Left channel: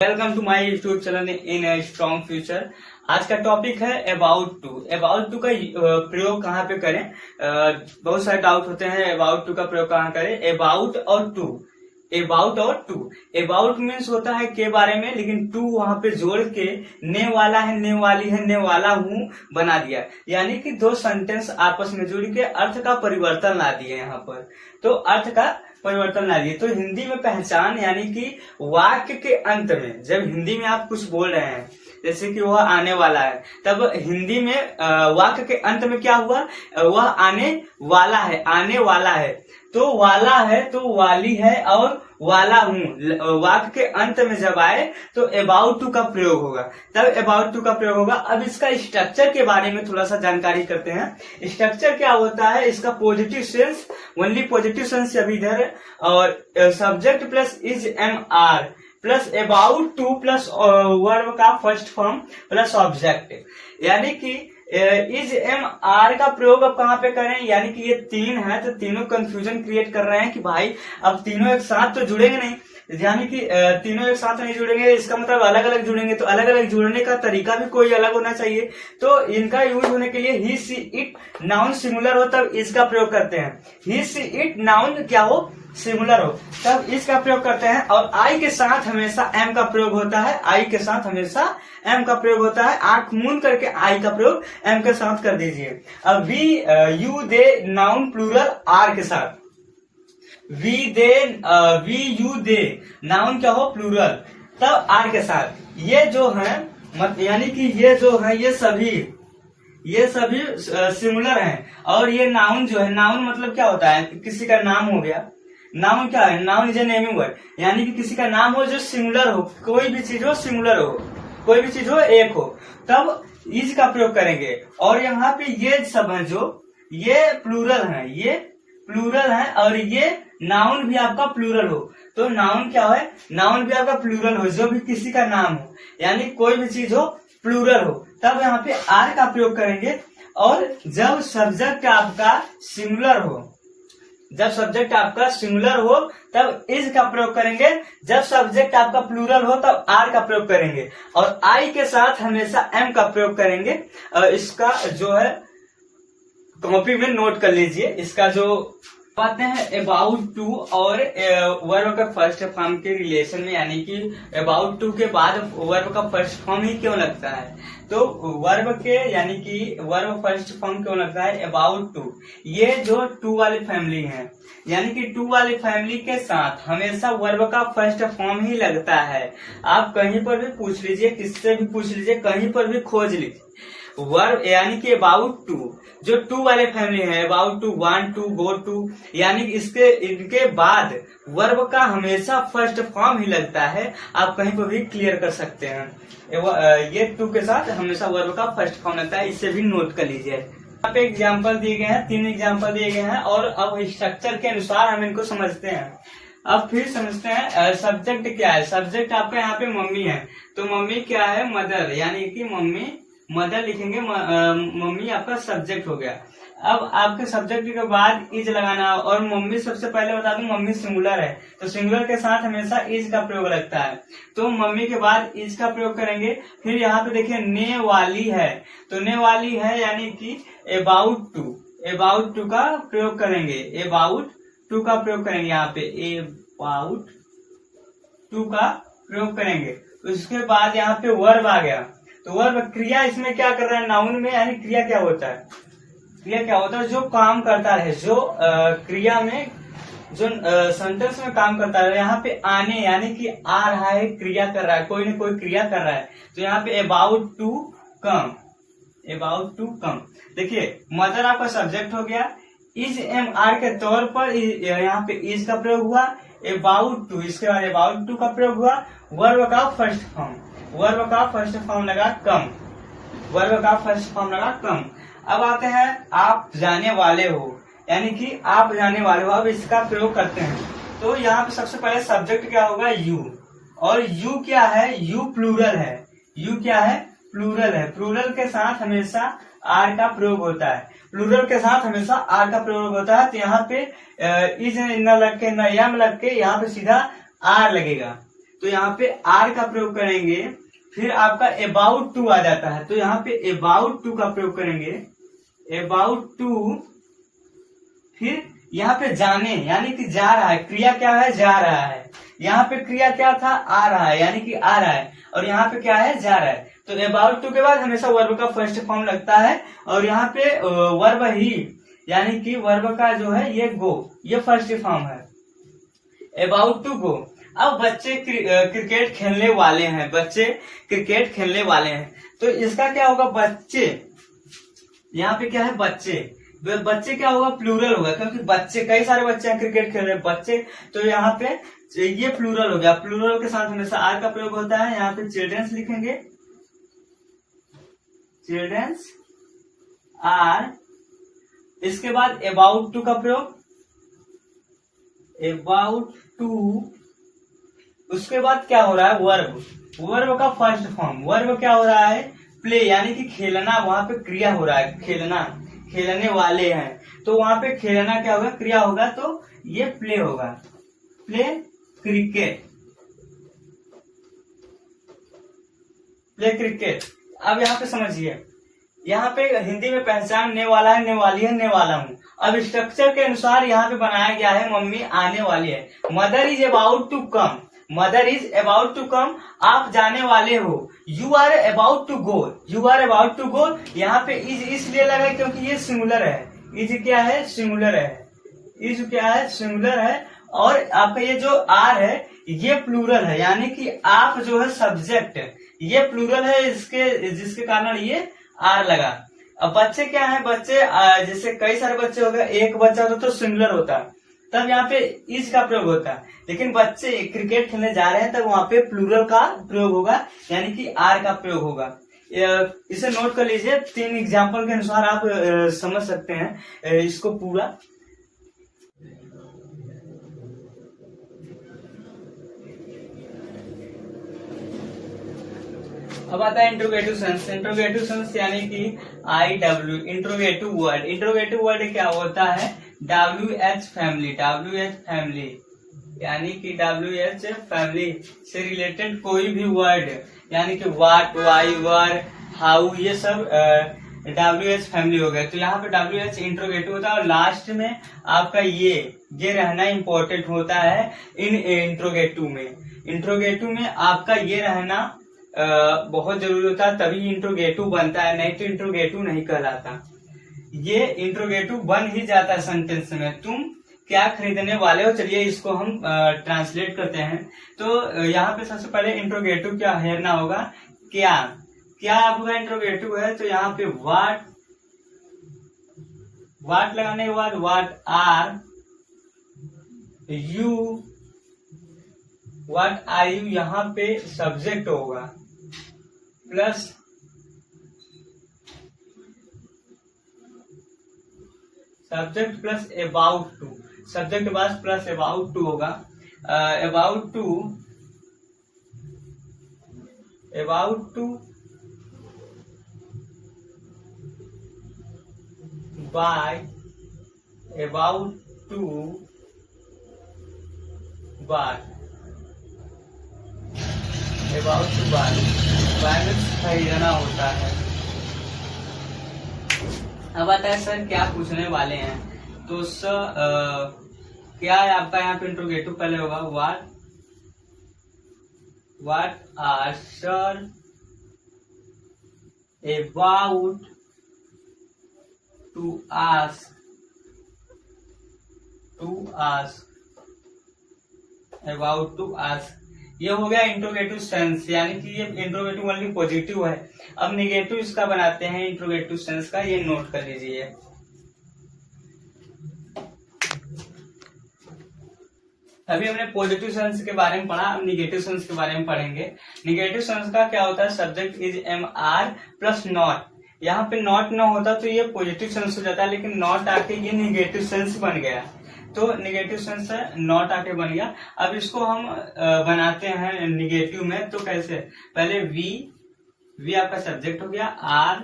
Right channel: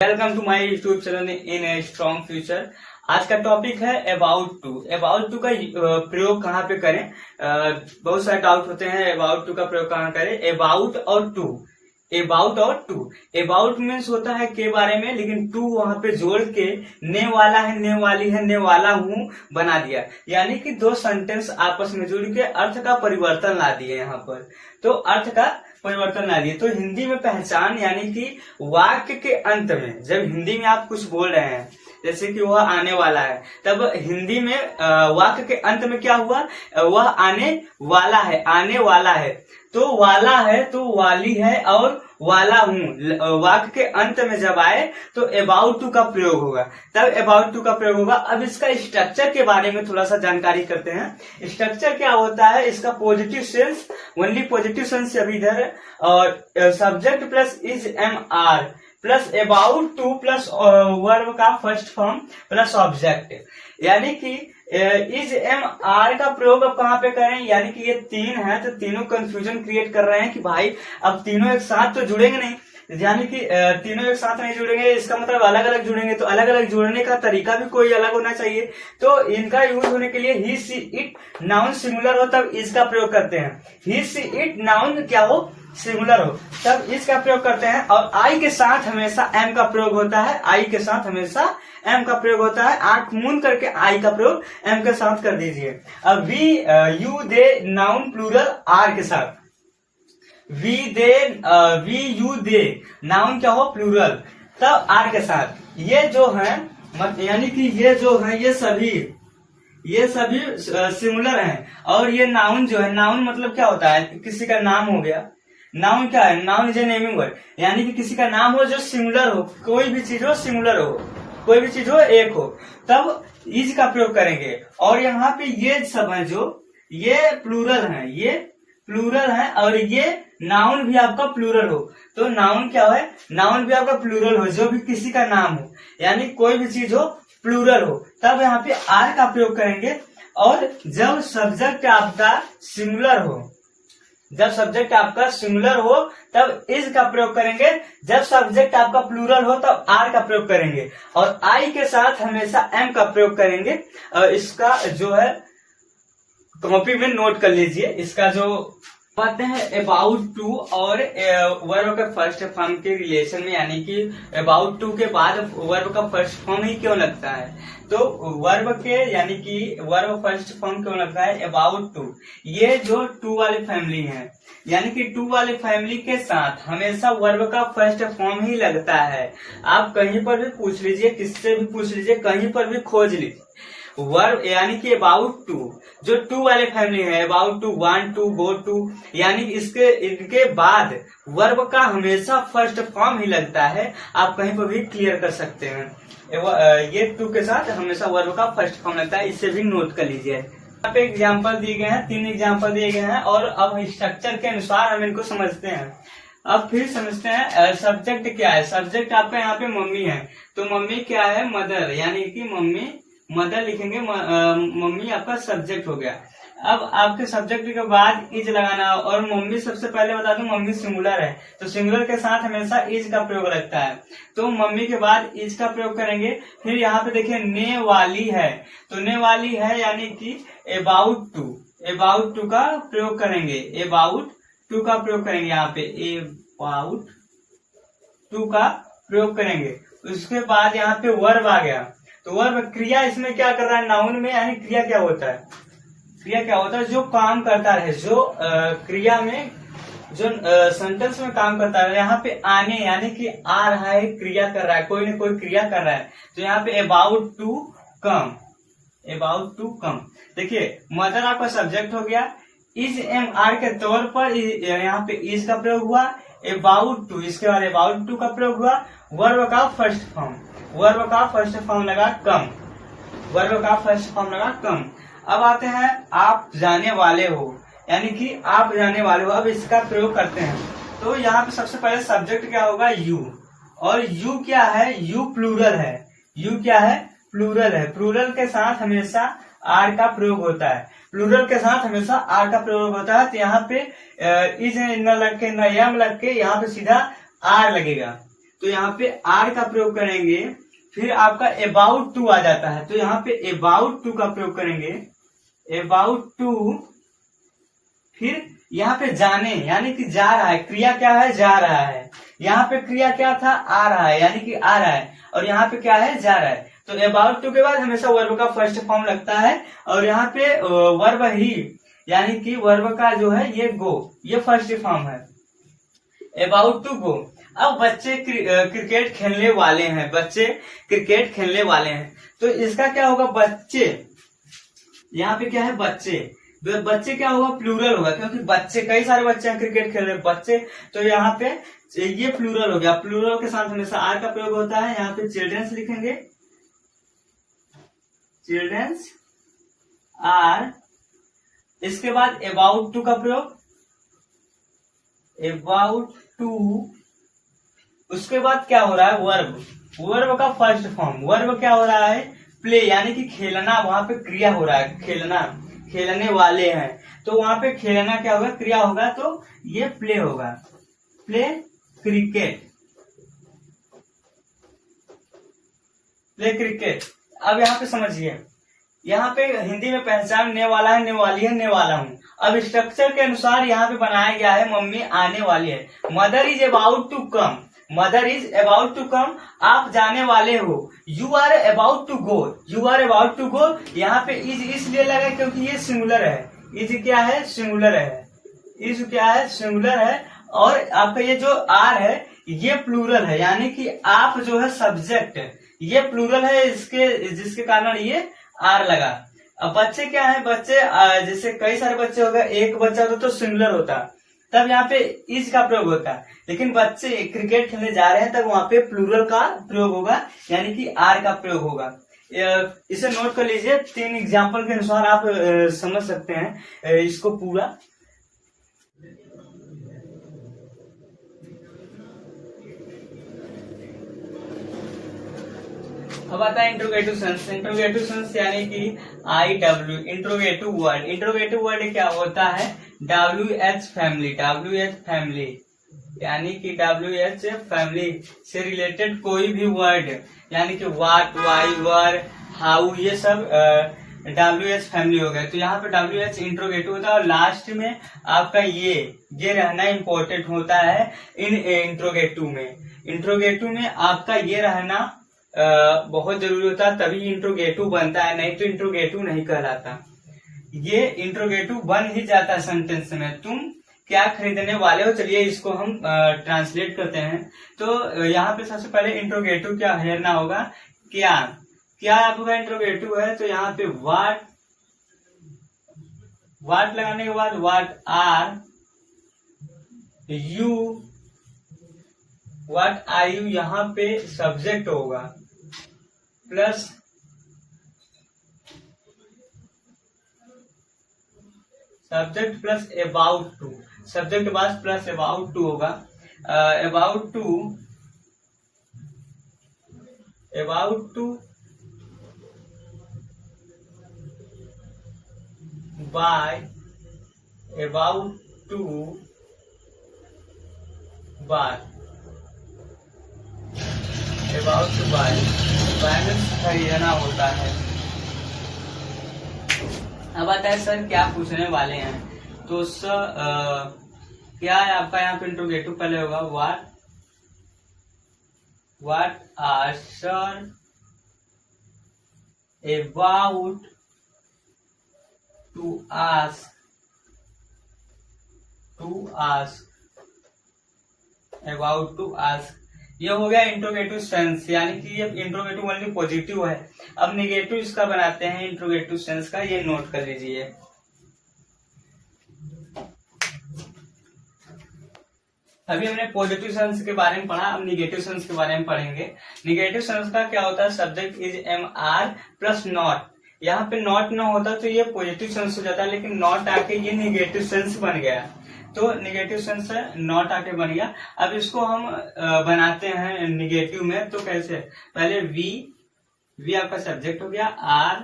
Welcome to my YouTube channel in a strong future. आज का topic है about to. About to का प्रयोग कहाँ पे करें। बहुत सारे डाउट होते हैं अबाउट टू का प्रयोग कहाँ करें। अबाउट और टू, अबाउट और टू। अबाउट मीन्स होता है के बारे में, लेकिन टू वहां पे जोड़ के ने वाला है, ने वाली है, ने वाला हूँ बना दिया, यानी कि दो सेंटेंस आपस में जुड़ के अर्थ का परिवर्तन ला दिए। यहाँ पर तो अर्थ का परिवर्तन ला दिए। तो हिंदी में पहचान, यानी कि वाक्य के अंत में जब हिंदी में आप कुछ बोल रहे हैं, जैसे कि वह आने वाला है, तब हिंदी में वाक्य के अंत में क्या हुआ, वह आने वाला है, आने वाला है। तो वाला है तो वाली है और वाला हूँ वाक्य के अंत में जब आए तो अबाउट टू का प्रयोग होगा, तब अबाउट टू का प्रयोग होगा। अब इसका स्ट्रक्चर के बारे में थोड़ा सा जानकारी करते हैं। स्ट्रक्चर क्या होता है इसका। Positive sense, only positive sense अभी इधर है, और subject plus is am are plus about to plus verb का फर्स्ट फॉर्म प्लस ऑब्जेक्ट, यानी कि इज एम आर का प्रयोग अब कहाँ पे करें। यानी कि ये तीन है तो तीनों कंफ्यूजन क्रिएट कर रहे हैं कि भाई अब तीनों एक साथ तो जुड़ेंगे नहीं, यानी कि तीनों एक साथ नहीं जुड़ेंगे, इसका मतलब अलग अलग जुड़ेंगे। तो अलग अलग जुड़ने का तरीका भी कोई अलग होना चाहिए। तो इनका यूज होने के लिए ही सी इट नाउन सिंगुलर हो तब इसका प्रयोग करते हैं। ही सी इट नाउन क्या हो, सिंगुलर हो, तब इसका प्रयोग करते हैं। और आई के साथ हमेशा एम का प्रयोग होता है, आई के साथ हमेशा एम का प्रयोग होता है। आंख मूंद करके आई का प्रयोग एम के साथ कर दीजिए। अब we you they noun plural are के साथ, we they we you they noun क्या हो प्लूरल, तब आर के साथ। ये जो है यानी कि ये जो है ये सभी सिमिलर हैं। और ये नाउन जो है, नाउन मतलब क्या होता है, किसी का नाम हो गया। नाउन क्या है, noun is a naming word, यानी कि किसी का नाम हो जो सिंगुलर हो, कोई भी चीज हो सिंगुलर हो, कोई भी चीज हो एक हो, तब इज का प्रयोग करेंगे। और यहाँ पे ये सब है जो ये प्लूरल है, ये प्लूरल है, और ये नाउन भी आपका प्लूरल हो। तो नाउन क्या है, नाउन भी आपका प्लूरल हो, जो भी किसी का नाम हो, यानी कोई भी चीज हो प्लूरल हो, तब यहाँ पे आर का प्रयोग करेंगे। और जब सब्जेक्ट आपका सिंगुलर हो, जब सब्जेक्ट आपका सिंगुलर हो तब इज का प्रयोग करेंगे। जब सब्जेक्ट आपका प्लूरल हो तब आर का प्रयोग करेंगे। और आई के साथ हमेशा एम का प्रयोग करेंगे। इसका जो है कॉपी में नोट कर लीजिए। इसका जो बातें हैं अबाउट टू और वर्ब का फर्स्ट फॉर्म के रिलेशन में, यानी कि अबाउट टू के बाद वर्ब का फर्स्ट फॉर्म ही क्यों लगता है। तो वर्ब के यानी कि वर्ब फर्स्ट फॉर्म क्यों लगता है अबाउट टू। ये जो टू वाली फैमिली है, यानी कि टू वाली फैमिली के साथ हमेशा वर्ब का फर्स्ट फॉर्म ही लगता है। आप कहीं पर भी पूछ लीजिए, किससे भी पूछ लीजिए, कहीं पर भी खोज लीजिए, वर्ब यानी कि अबाउट टू जो टू वाले फैमिली है, about to, want to, go to, यानी इनके बाद वर्ब का हमेशा फर्स्ट फॉर्म ही लगता है। आप कहीं पर भी क्लियर कर सकते हैं। ये टू के साथ हमेशा वर्ब का फर्स्ट फॉर्म लगता है, इसे भी नोट कर लीजिए। यहाँ पे एग्जाम्पल दिए गए हैं, 3 एग्जाम्पल दिए गए हैं, और अब स्ट्रक्चर के अनुसार हम इनको समझते हैं। अब फिर समझते हैं सब्जेक्ट क्या है। सब्जेक्ट आपका यहाँ पे मम्मी है, तो मम्मी क्या है, मदर, यानी कि मम्मी मदर लिखेंगे, मम्मी आपका सब्जेक्ट हो गया। अब आपके सब्जेक्ट के बाद इज लगाना, और मम्मी सबसे पहले बता दूं मम्मी सिंगुलर है, तो सिंगुलर के साथ हमेशा इज का प्रयोग लगता है, तो मम्मी के बाद इज का प्रयोग करेंगे। फिर यहाँ पे देखिए ने वाली है, तो ने वाली है यानी कि अबाउट टू, अबाउट टू का प्रयोग करेंगे, अबाउट टू का प्रयोग करेंगे। यहाँ पे अबाउट टू का प्रयोग करेंगे। उसके बाद यहाँ पे वर्ब आ गया, तो वर्ब क्रिया इसमें क्या कर रहा है, नाउन में, यानी क्रिया क्या होता है, क्रिया क्या होता है जो काम करता रहे, जो क्रिया में जो सेंटेंस में काम करता है। यहाँ पे आने यानी कि आ रहा है, क्रिया कर रहा है, कोई न कोई क्रिया कर रहा है, तो यहाँ पे about to come, about to come. देखिए मदर आपका सब्जेक्ट हो गया, इज एम आर के तौर पर यहाँ पे इज का प्रयोग हुआ, अबाउट टू, इसके बाद अबाउट टू का प्रयोग हुआ, वर्ब का फर्स्ट फॉर्म, वर्ब का फर्स्ट फॉर्म लगा कम, वर्ब का फर्स्ट फॉर्म लगा कम। अब आते हैं आप जाने वाले हो, यानी कि आप जाने वाले हो। अब इसका प्रयोग करते हैं, तो यहाँ पे सबसे पहले सब्जेक्ट क्या होगा, यू, और यू क्या है, यू प्लूरल है, यू क्या है, प्लूरल है। प्लूरल के साथ हमेशा आर का प्रयोग होता है, प्लूरल के साथ हमेशा आर का प्रयोग होता है। तो यहाँ पे इज न लग के, न यम लग के, यहाँ पे सीधा आर लगेगा। तो यहाँ पे आर का प्रयोग करेंगे, फिर आपका अबाउट टू आ जाता है, तो यहाँ पे अबाउट टू का प्रयोग करेंगे, अबाउट टू, फिर यहाँ पे जाने यानी कि जा रहा है, क्रिया क्या है, जा रहा है, यहाँ पे क्रिया क्या था, आ रहा है यानी कि आ रहा है, और यहाँ पे क्या है, जा रहा है। तो अबाउट टू के बाद हमेशा वर्ब का फर्स्ट फॉर्म लगता है, और यहाँ पे वर्ब ही यानी कि वर्ब का जो है ये गो, ये फर्स्ट फॉर्म है, अबाउट टू गो। अब बच्चे क्रिकेट खेलने वाले हैं, बच्चे क्रिकेट खेलने वाले हैं, तो इसका क्या होगा, बच्चे, यहाँ पे क्या है, बच्चे, बच्चे क्या होगा, प्लूरल होगा, क्योंकि बच्चे कई सारे बच्चे हैं क्रिकेट खेल रहे हैं, बच्चे, तो यहाँ पे ये प्लूरल हो गया। प्लूरल के साथ हमेशा आर का प्रयोग होता है, यहाँ पे चिल्ड्रंस लिखेंगे, चिल्ड्रंस आर, इसके बाद अबाउट टू का प्रयोग, अबाउट टू, उसके बाद क्या हो रहा है, वर्ब, वर्ब का फर्स्ट फॉर्म, वर्ब क्या हो रहा है, प्ले यानी कि खेलना, वहां पे क्रिया हो रहा है, खेलना, खेलने वाले हैं, तो वहां पे खेलना क्या होगा, क्रिया होगा, तो ये प्ले होगा, प्ले क्रिकेट, प्ले क्रिकेट। अब यहाँ पे समझिए, यहाँ पे हिंदी में पहचानने वाला है, नेवाली है, नेवाला हूँ। अब स्ट्रक्चर के अनुसार यहाँ पे बनाया गया है, मम्मी आने वाली है, mother is about to come, mother is about to come, आप जाने वाले हो, you are about to go, you are about to go, यहाँ पे इज इसलिए लगा क्योंकि ये सिंगुलर है, इज क्या है, सिंगुलर है, इज क्या है, सिंगुलर है, और आपका ये जो आर है ये प्लूरल है, यानी कि आप जो है सब्जेक्ट, ये प्लूरल है, इसके जिसके कारण ये आर लगा। अब बच्चे क्या है, बच्चे जैसे कई सारे बच्चे हो गए, एक बच्चा होता तो सिंगुलर होता, तब यहाँ पे इज का प्रयोग होता है, लेकिन बच्चे क्रिकेट खेलने जा रहे हैं तब वहां पे प्लूरल का प्रयोग होगा, यानी कि आर का प्रयोग होगा। इसे नोट कर लीजिए, 3 एग्जाम्पल के अनुसार आप समझ सकते हैं इसको पूरा। अब आता है इंट्रोगेटिव सेंस। इंट्रोगेटिव सेंस यानी कि IW, interrogative word, interrogative word क्या होता है, WH फैमिली, WH फैमिली यानी कि WH फैमिली से रिलेटेड कोई भी वर्ड, यानी कि वाट, वाई, वर, हाउ, ये सब WH फैमिली हो गए, तो यहाँ पे WH इंट्रोगेटिव होता है, और लास्ट में आपका ये रहना इम्पोर्टेंट होता है इन इंट्रोगेटिव में, इंट्रोगेटिव में आपका ये रहना बहुत जरूरी होता है, तभी इंट्रोगेटिव बनता है, नहीं तो इंट्रोगेटिव नहीं कहलाता। ये इंट्रोगेटिव बन ही जाता है सेंटेंस में, तुम क्या खरीदने वाले हो। चलिए इसको हम ट्रांसलेट करते हैं। तो यहाँ पे सबसे पहले इंट्रोगेटिव क्या हेरना होगा, क्या, क्या आपका इंट्रोगेटिव है, तो यहाँ पे व्हाट, व्हाट लगाने के बाद what are you, what are you, यहाँ पे सब्जेक्ट होगा plus subject plus about to, subject बाद प्लस अबाउट टू होगा, about to, about to buy, about to buy, about to buy, buy में खरीदना होता है। अब आता है सर क्या पूछने वाले हैं, तो सर क्या है आपका यहाँ पे इंट्रोगेटिव पहले होगा what are sir about to ask, about to ask, ये हो गया इंट्रोगेटिव सेंस, यानी कि ये इंट्रोगेटिव ओनली पॉजिटिव है। अब निगेटिव इसका बनाते हैं इंट्रोगेटिव सेंस का, ये नोट कर लीजिए। अभी हमने पॉजिटिव सेंस के बारे में पढ़ा, अब निगेटिव सेंस के बारे में पढ़ेंगे। निगेटिव सेंस का क्या होता है, subject is MR plus not, यहाँ पे नॉट ना होता तो ये पॉजिटिव सेंस हो जाता है, लेकिन नॉट आके ये निगेटिव सेंस बन गया, तो निगेटिव सेंस है नॉट आके बन गया। अब इसको हम बनाते हैं निगेटिव में, तो कैसे, पहले वी आपका सब्जेक्ट हो गया, आर